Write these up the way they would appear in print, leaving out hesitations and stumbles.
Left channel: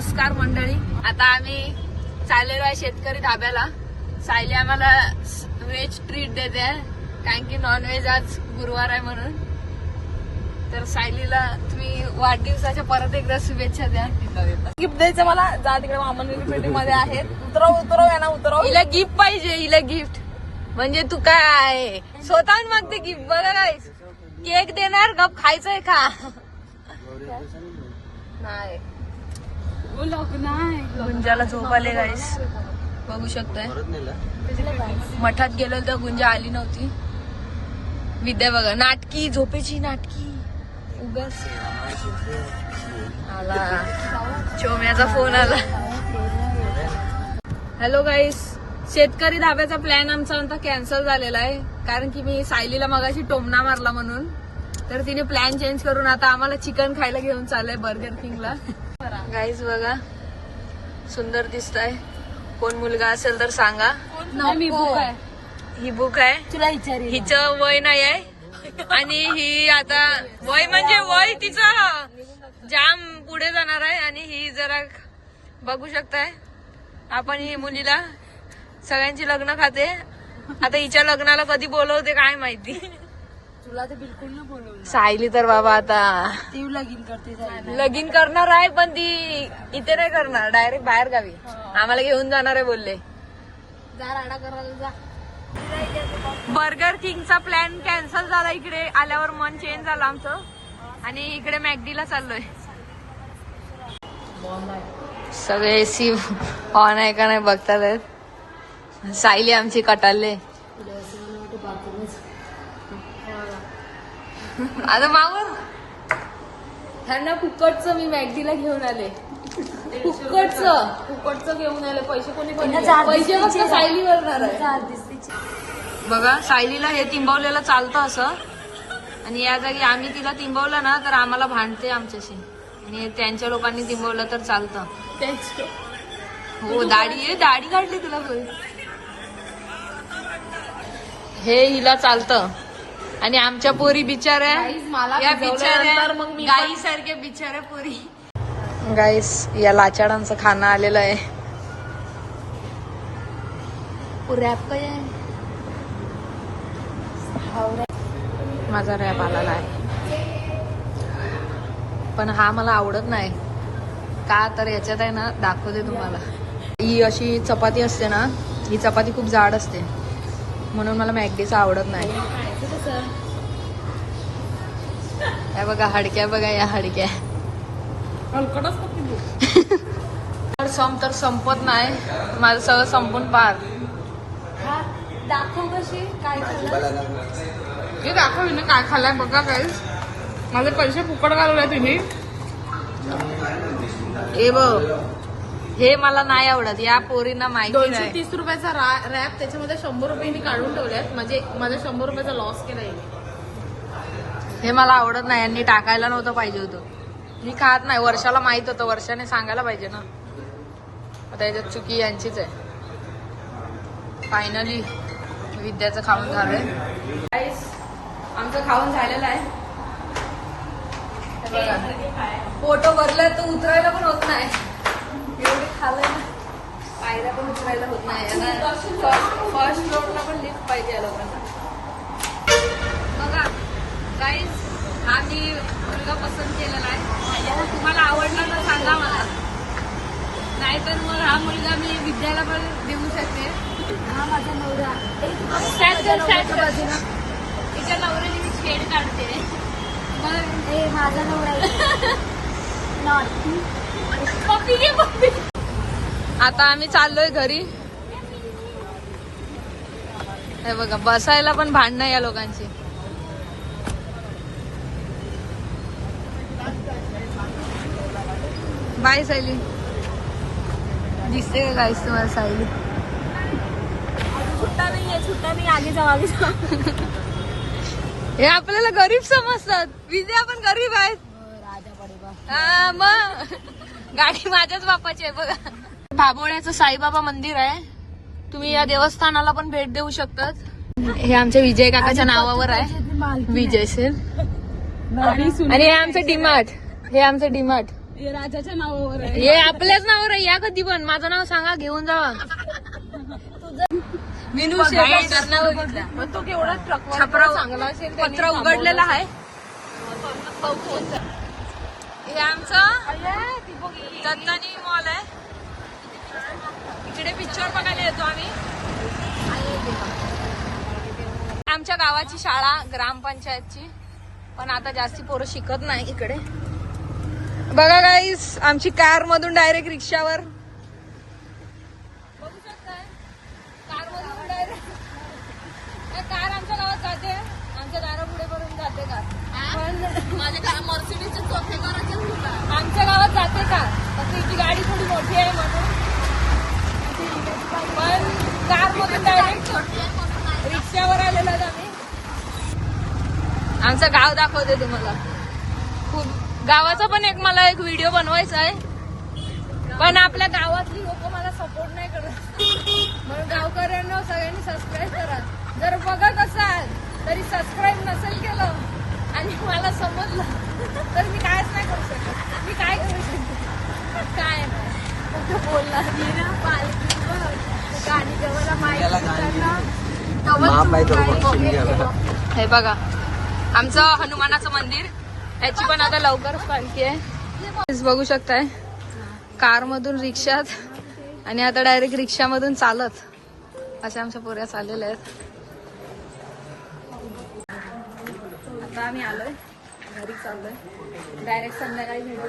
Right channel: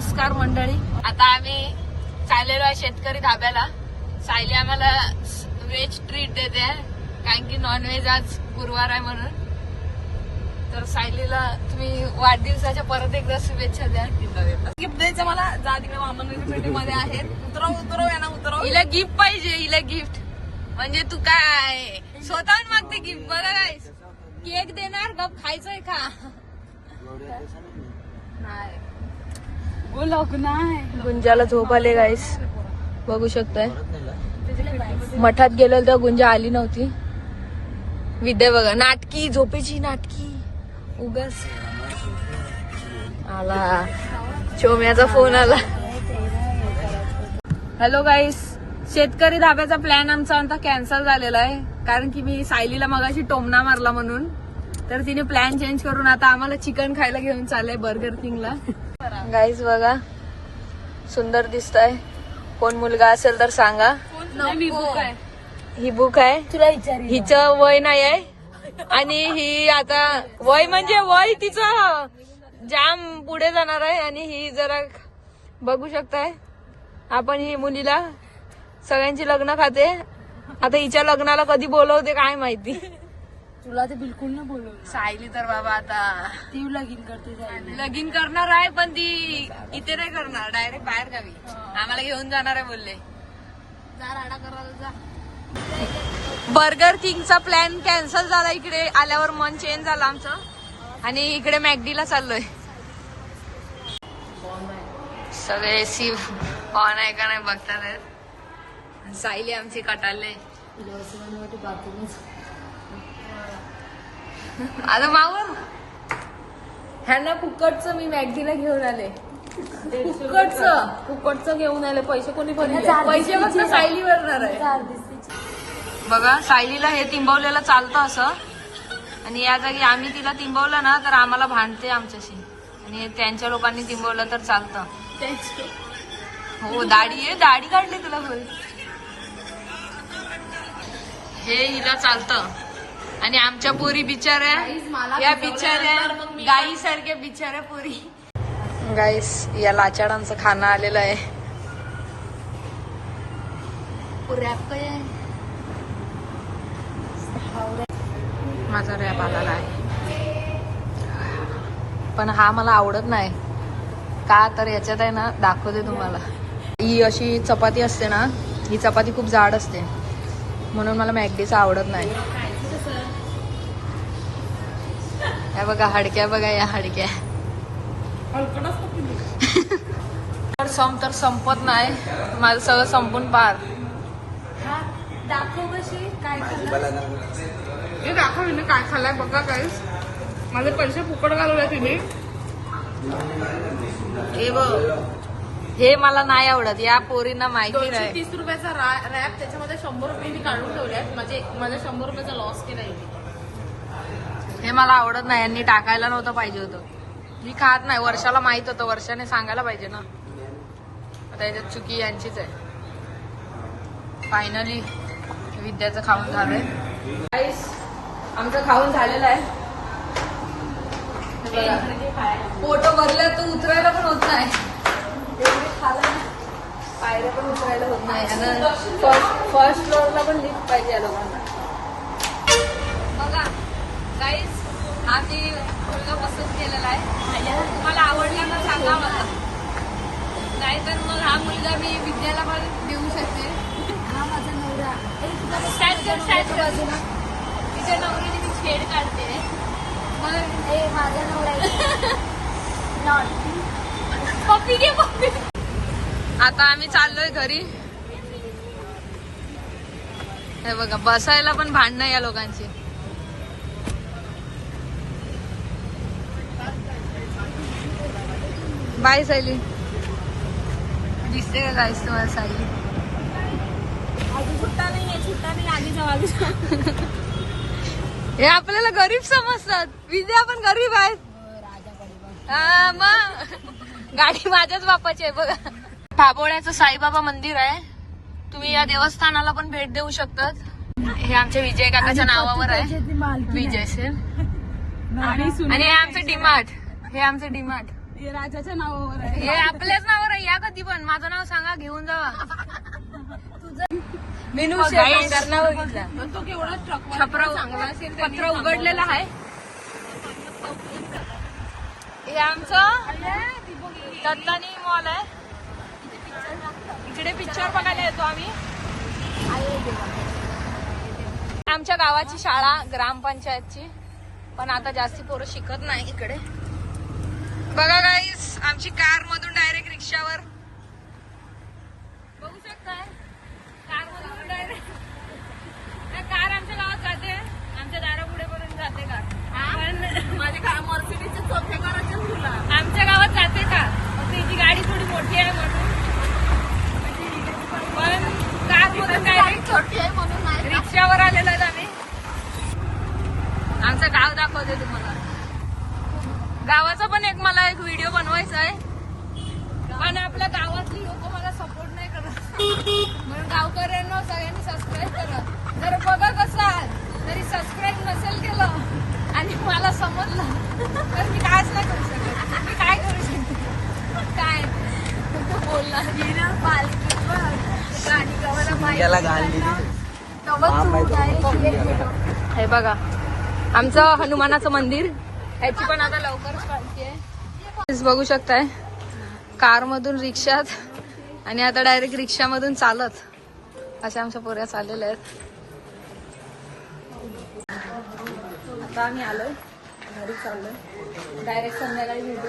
नमस्कार मंडळी, आता आम्ही चाललेलो आहे शेतकरी धाब्याला. सायली आम्हाला व्हेज ट्रीट देते कारण की नॉनव्हेज आज गुरुवार आहे म्हणून. तर सायलीला तुम्ही वाढदिवसाच्या परत एकदा शुभेच्छा द्या. गिफ्ट द्यायचं मला. जा तिकडे मामन मध्ये आहेत. उतरव यांना उतरव. हिला गिफ्ट पाहिजे, हिला गिफ्ट. म्हणजे तू काय स्वतःहून मागते गिफ्ट. बरं काय केक देणार का खायचंय का? नाही गुंजाला झोप आली गाईस, बघू शकते. मठात गेलो तेव्हा गुंजा आली नव्हती. विद्या बघा नाटकी, झोपेची नाटकी. आला चोम्याचा फोन आला. हॅलो गाईस, शेतकरी धाब्याचा प्लॅन आमचा आता कॅन्सल झालेला आहे कारण की मी सायलीला मगाशी टोमणा मारला म्हणून. तर तिने प्लॅन चेंज करून आता आम्हाला चिकन खायला घेऊन चाललंय बर्गर किंगला. गाईज बघा सुंदर दिसतंय. कोण मुलगा असेल तर सांगा. ही बुक आहे. तुला विचार, हिचं वय नाही आहे आणि ही आता वय म्हणजे वय तिचं जाम पुढे जाणार आहे. आणि ही जरा बघू शकताय आपण, ही मुलीला सगळ्यांची लग्न खाते. आता हिच्या लग्नाला कधी बोलवते काय माहिती. तुला तर बिलकुल ना बोलवलं. सायली तर बाबा आता ती लगीन करते. लगीन करणार आहे पण ती इथे नाही करणार, डायरेक्ट बाहेर गावी. आम्हाला घेऊन जाणार आहे बोलले. बर्गर किंगचा प्लॅन कॅन्सल झाला. इकडे आल्यावर मन चेंज झालं आमचं आणि इकडे मॅकडीला चाललोय. सगळे एसी ऑन आहे का नाही बघतात. सायली आमची कटालले. आता मावर ह्यांना फुकटचं मी मॅकडीला घेऊन आले. फुकटचं घेऊन आले. पैसे कोणी पैसे फक्त सायली भरणार आहे. बघा सायलीला हे तिंबवलेलं चालतं असं आणि या जागी आम्ही तिला तिंबवलं ना तर आम्हाला भांडते आमच्याशी. आणि त्यांच्या लोकांनी तिंबवलं तर चालतं. हो दाढी आहे, दाढी काढली तुला. हे हिला चालतं आणि आमच्या पोरी बिचाऱ्या, या बिचाऱ्या गाई सारख्या बिचाऱ्या पोरी. गाईस या लाचाडांचं खाणं आलेलं आहे. रॅप काय माझा रॅप आलेला आहे पण हा मला आवडत नाही का तर याच्यात आहे ना दाखवते तुम्हाला. ही अशी चपाती असते ना, ही चपाती खूप जाड असते म्हणून मला मॅकडीचं आवडत नाही. या बघा हाडक्या, बघा या हाडक्या. तर संपत नाही माझं सगळं संपून पार. दाखव कशी काय दाखव काय खाल्लाय बघा. काय माझे पैसे फुकट घालवले तुम्ही. हे बघ हे मला नाही आवडत. या पोरींना माहिती नाही. 30 रुपयाचा रॅप त्याच्यामध्ये 100 रुपये मी काढून ठेवल्यात. माझ्या 100 रुपयाचा लॉस केलाय. हे मला आवडत नाही. यांनी टाकायला नव्हतं पाहिजे होतं. मी खात नाही. वर्षाला माहित होतं, वर्षाने सांगायला पाहिजे ना. आता याच्यात चुकी यांचीच आहे. फायनली विद्याचं खाऊन झालंय. आमचं खाऊन झालेलं आहे. फोटो भरले तर उतरायला पण होत नाही. एवढे खाल्लंय ना, पायऱ्या पण उतरायला होत नाही. आणि फर्स्ट फ्लोअरला पण लिफ्ट पाहिजे या लोकांना. बघा गाईस हा मी मुलगा पसंत केलेला आहे. तुम्हाला आवडला तर सांगा मला. नाहीतर मग हा मुलगा मी विद्याला पण देऊ शकते. हा माझा नवरा. बाजूला तिच्या नवऱ्याने मी खेळ काढते म्हणून माझा नवरा. आता आम्ही चाललोय घरी. हे बघा बसायला पण भांडणं या लोकांची. बाय सायली. दिसते का गाईस तुम्हाला सायली? छुट्टा नाही आगे जाऊ आगे जाऊ. हे आपल्याला गरीब समजतात. विजय आपण गरीब आहेत. हा मग गाडी माझ्याच बापाची आहे. बघा भाबोळ्याचं साईबाबा मंदिर आहे. तुम्ही या देवस्थानाला पण भेट देऊ शकतात. हे आमच्या विजय काकाच्या नावावर आहे. विजय सर. आणि हे आमचं डीमार्ट. हे राजाच्या नावावर आहे, हे आपल्याच नावावर आहे. या कधी पण माझं नाव सांगा, घेऊन जावा. पत्र उघडलेलं आहे. हे आमचं दत्तानी मॉल आहे, तिथे पिक्चर बघायला येतो आम्ही. आमच्या गावाची शाळा ग्रामपंचायतची, पण आता जास्ती पोरं शिकत नाही इकडे. बघा गाईस, आमची कार मधून डायरेक्ट रिक्षावर. बघू शकताय, कार मधून डायरेक्ट कार आमच्या गावात जाते, आमच्या दारापुढे पर्यंत जाते का, पण माझ्या काय मर्सिडीजचे चोखे करायचे आमच्या गावात जाते का, फक्त हिची गाडी थोडी मोठी आहे म्हणून. पण कार मधून डायरेक्ट छोटी आहे म्हणून रिक्षावर आलेलो आहे आम्ही. आमचं गाव दाखवते तुम्हाला. खूप गावाचा पण मला एक व्हिडिओ बनवायचा आहे, पण आपल्या गावातली लोक मला सपोर्ट नाही करत, म्हणून गावकऱ्यांना सगळ्यांनी सबस्क्राईब करा. जर बघत असाल तरी सबस्क्राईब नसेल केलं आणि मला समजलं तर मी कायच नाही करू शकत. मी काय करू शकते, काय नाही, फक्त बोलणार. हे बघा आमचं हनुमानाचं मंदिर, याची पण आता लवकरच पालखी आहे. बघू शकताय, कार मधून रिक्षात आणि आता डायरेक्ट रिक्षामधून चालत अशा आमच्या पोऱ्या चाललेल्या आहेत. आता आम्ही आलोय घरी, चाललोय डायरेक्ट संध्याकाळी भेटू.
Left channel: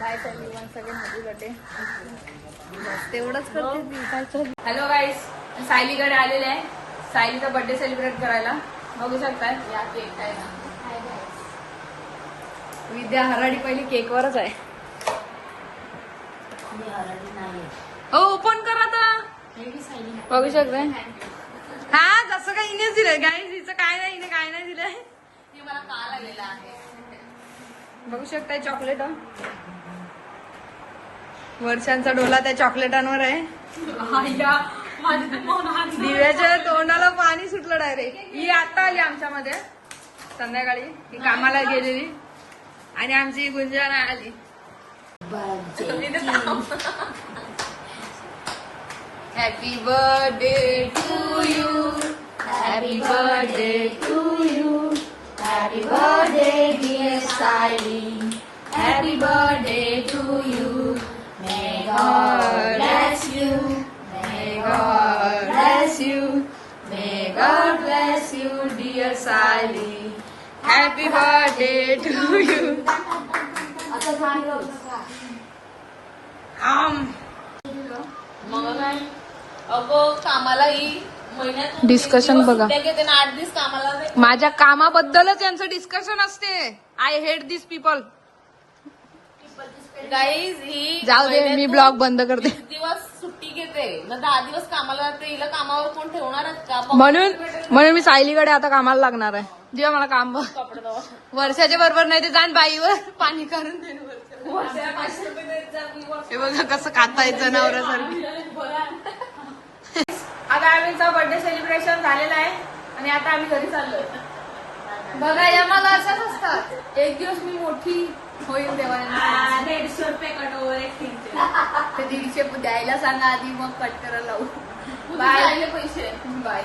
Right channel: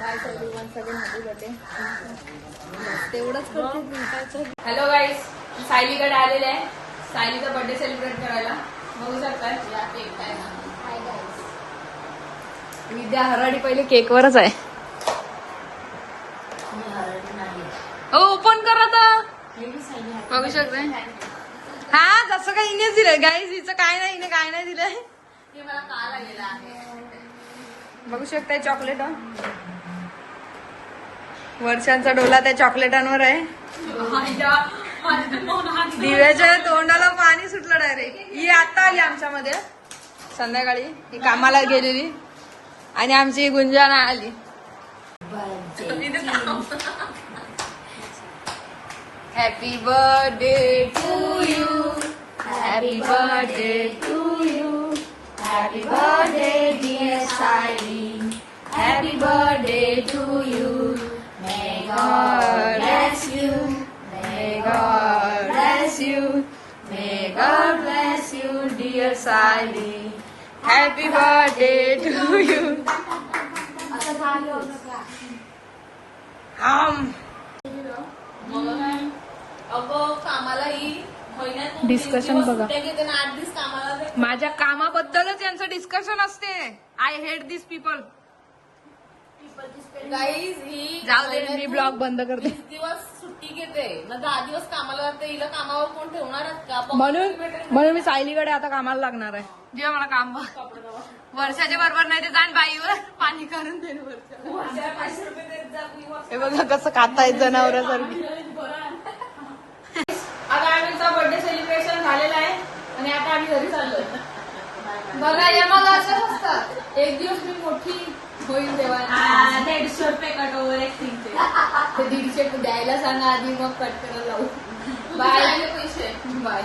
Bye Sayali, once again happy birthday. बस तेवढंच करते. हॅलो गाईस, सायलीकडे आलेले आहे सायलीचा बर्थडे सेलिब्रेट करायला. बघू शकताय, या केक काय विद्या हराडी पहिले केकवरच आहे. ओपन कर आता. बघू शकताय, हा जसं काही हिनेच दिलंय गाईस, हिचं काय नाही, हिने काय नाही दिलंय. मला काल आलेला आहे. बघू शकताय चॉकलेट, वर्षांचा डोला त्या चॉकलेटांवर आहे. दिव्याच्या तोंडाला पाणी सुटलं डायरेक्ट. ही आता आली आमच्यामध्ये संध्याकाळी, ही कामाला गेलेली, आणि आमची गुंजाना आली. Happy birthday to you, happy birthday to you, happy birthday dear Sayali, happy birthday to you. May God bless you, may God bless you, may God bless you, dear Sally. Happy birthday to you. कामाला ही discussion बघा, 8 दिवस कामाला. माझ्या कामाबद्दलच यांचं discussion असते. I hate this people. Guys ही जाऊ दे, मी ब्लॉग बंद करते. दिवस सुट्टी घेते ना, 10 दिवस कामाला जाते. हिला कामावर कोण ठेवणार का, म्हणून मी सायलीकडे आता कामाला लागणार आहे. जेव्हा मला काम वर्षाच्या बरोबर नाही ते जाण बाईवर पाणी काढून दे. हे बघा कसं खाताय जनावरांसारखी. आता आम्हीचा बर्थडे सेलिब्रेशन झालेला आहे आणि आता आम्ही घरी चाललोय. बघा या मला असंच असतं, एक दिवस मी मोठी होईल तेव्हा 150 रुपये कट ओव्हर ऍक्टिंगचे. ते 150 द्यायला सांगा आधी, मग कट करायला लावू. बाय पैसे, बाय.